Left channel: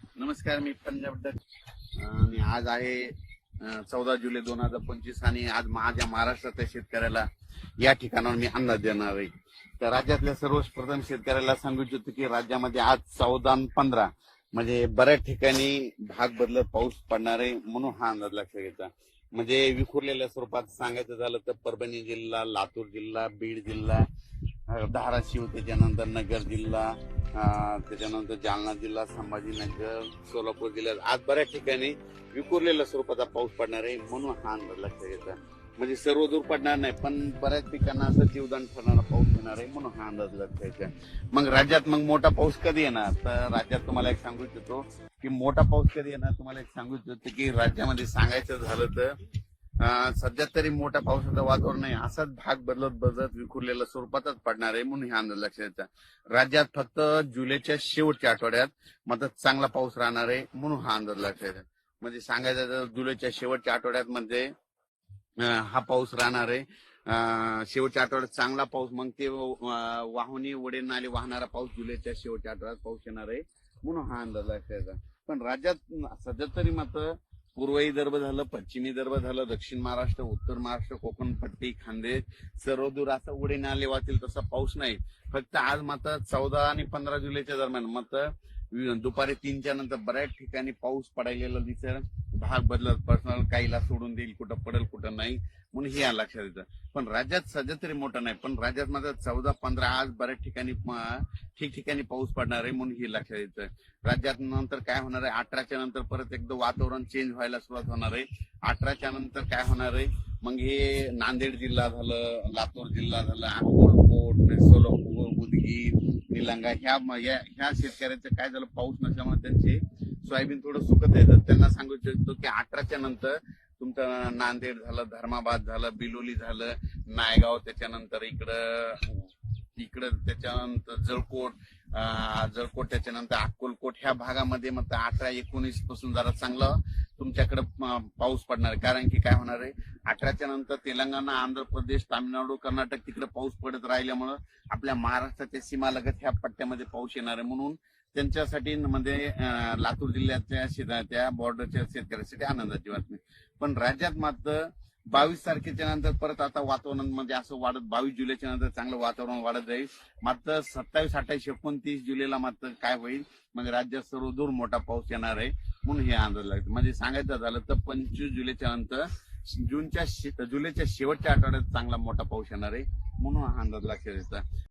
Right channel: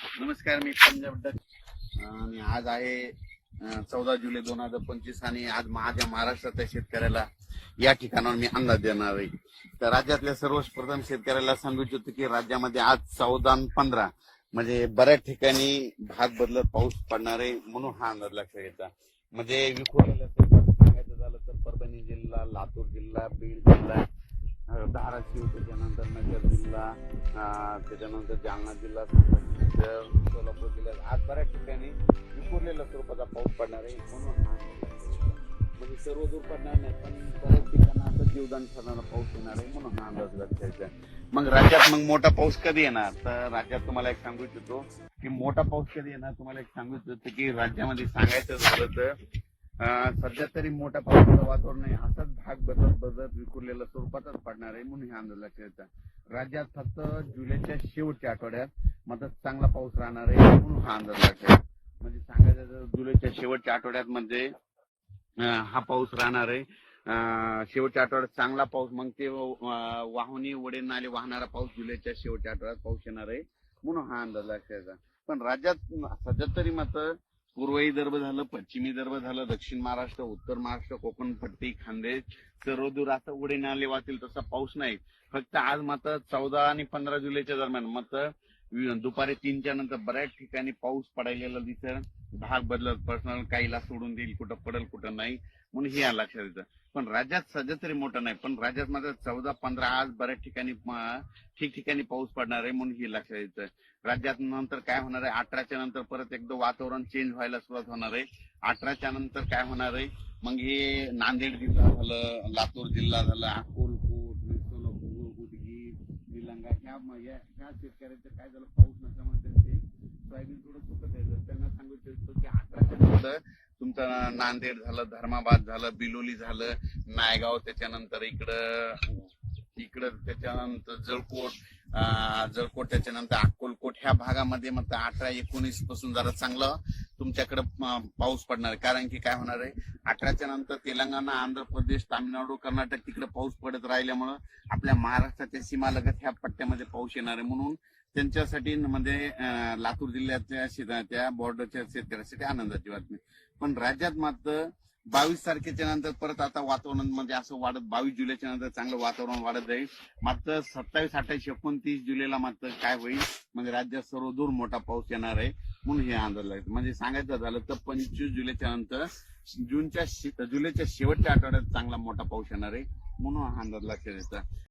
नमस्कार, मी पंजाब डक आणि आज आहे 14 जुलै 2025 आणि आज माझ्या महाराष्ट्रातल्या शेतकऱ्याला या ठिकाणावर मी अंदाज देणार आहे. तर राज्यातल्या सर्वप्रथम शेतकऱ्याला सांगू इच्छितो की राज्यामध्ये आज 14 आणि 15 म्हणजे बऱ्याच ठिकाणी भाग बदलत पाऊस पडणार आहे म्हणून हा अंदाज लक्षात घ्यायचा. म्हणजे विखुरलेल्या स्वरूपात सांगायचं झालं तर परभणी जिल्हा, लातूर जिल्हा, बीड जिल्हा, धाराशिव, त्याच्यानंतर नगर जिल्हा, त्याच्यानंतर जालना जिल्हा, संभाजीनगर, सोलापूर जिल्ह्यात आज बऱ्याच ठिकाणी विखुरलेल्या स्वरूपाचा पाऊस पडणार आहे म्हणून हा अंदाज लक्षात घ्यायचा. म्हणजे सर्व दूर पडणार नाही पण बऱ्याच ठिकाणी असं जीवदान ठरणारा पाऊस येणार आहे म्हणून हा अंदाज लक्षात घ्यायचा. मग राज्यात मग मोठा पाऊस कधी येणार तर राज्यात तुम्हाला एक सांगू इच्छितो की मोठा पाऊस कधी येणार तुम्हाला एक सांगू इच्छितो की राज्यामध्ये सांगायचं झालं तर सध्या तरी मोठ्या पावसाचं वातावरण नाही, असाच भाग बदलत विखुरलेल्या स्वरूपातच पडणार आहे म्हणून हे अंदाज लक्षात घ्यायचा. राज्यात फक्त जुलैच्या शेवटच्या आठवड्यात मात्र चांगला पाऊस राहणार आहे म्हणून हा अंदाज लक्षात घ्यायचा. म्हणजे सांगायचं तर जुलैच्या शेवटच्या आठवड्यात म्हणजे हा पाऊस राहणार आहे. शेवटच्या आठवड्यात चांगला पाऊस, मग ते वाहुनी वडे नाले वाहणारा पाऊस जुलैच्या शेवटच्या आठवड्यात पाऊस येणार आहे म्हणून हा अंदाज लक्षात घ्यायचा. पण राज्यात सध्या तरी मात्र पूर्व विदर्भ झालं, पश्चिमी विदर्भ झालं, दक्षिण महाराष्ट्र, उत्तर महाराष्ट्र, कोकण पट्टी, खानदेश सर्व दूर असं उडे नाले वाहतील तसा पाऊस नाही. फक्त आज मात्र 14 आणि 15 जुलैच्या दरम्यान मात्र दुपारी 3च्या नंतर बऱ्याच ठिकाणी पाऊस पडायला दिसेल. भाग बदलत पर्सनल काहीला सोडून देईल, कुठं पडेल कुठं नाही म्हणून हे लक्षात येतं. पण राज्यात सध्या तरी मोठं नाही, पण राज्यात मात्र 14-15 आज बऱ्याच ठिकाणी ठिकठिकाणी पाऊस पडणार आहे म्हणून हे लक्षात येतं. राज्यात नंतर काय होणार आहे 18च्या नंतर परत एकदा वातावरण चेंज व्हायला सुरुवात होणार आहे. 18च्या नंतर काय होणार आहे मग हे नांदेड जिल्हा झालं, लातूर जिल्हा झाला, अक्कलकोट, सोलापूर, उदगीर, निलंगा ह्या शेतकऱ्यांचं काय झालं पाऊस नसल्यामुळे त्यांचे सोयाबीन थोडं सुकत येतं. त्यांना सांगू इच्छितो की 18च्या नंतर तुमचं नांदेड झालं, धर्माबाद झालं, बिलोली झालं, नायगाव, त्याच्यानंतर इकडं त्याच्यानंतर जळकोट त्याच्यानंतर अक्कलकोट ह्या भागामध्ये मग 18-19 पासून जरा चांगला तुमच्याकडे पाऊस पडणार आहे. कारण की काय होणार आहे 18च्या नंतर तेलंगणा, आंध्र प्रदेश, तामिळनाडू, कर्नाटक तिकडे पाऊस पडत राहिल्यामुळं आपल्या महाराष्ट्राच्या सीमालगत ह्या पट्ट्यामध्ये पाऊस येणार आहे म्हणून त्यांच्यासाठी म्हणजे लातूर जिल्ह्याच्या त्या बॉर्डरच्या शेतकऱ्यांसाठी आनंदाची बातमी. पण राज्यात मात्र 22 तारखेच्या नंतर परत आता वातावरण म्हणजे असं वाढत 22 जुलैच्या नंतर चांगलं वातावरण वाढत जाईल. मात्र 27, 28, 29 जुलैला मात्र काय होईल म्हणजे राज्यात सर्व दूर मोठा पाऊस येणार आहे म्हणून हे अंदाज लागतो. म्हणजे सांगायचं झालं तर 25 जुलैच्या नंतर जुलैच्या शेवटच्या आठवड्यात चांगला मोठा पाऊस येणार आहे म्हणून हा अंदाज लक्षात येतो.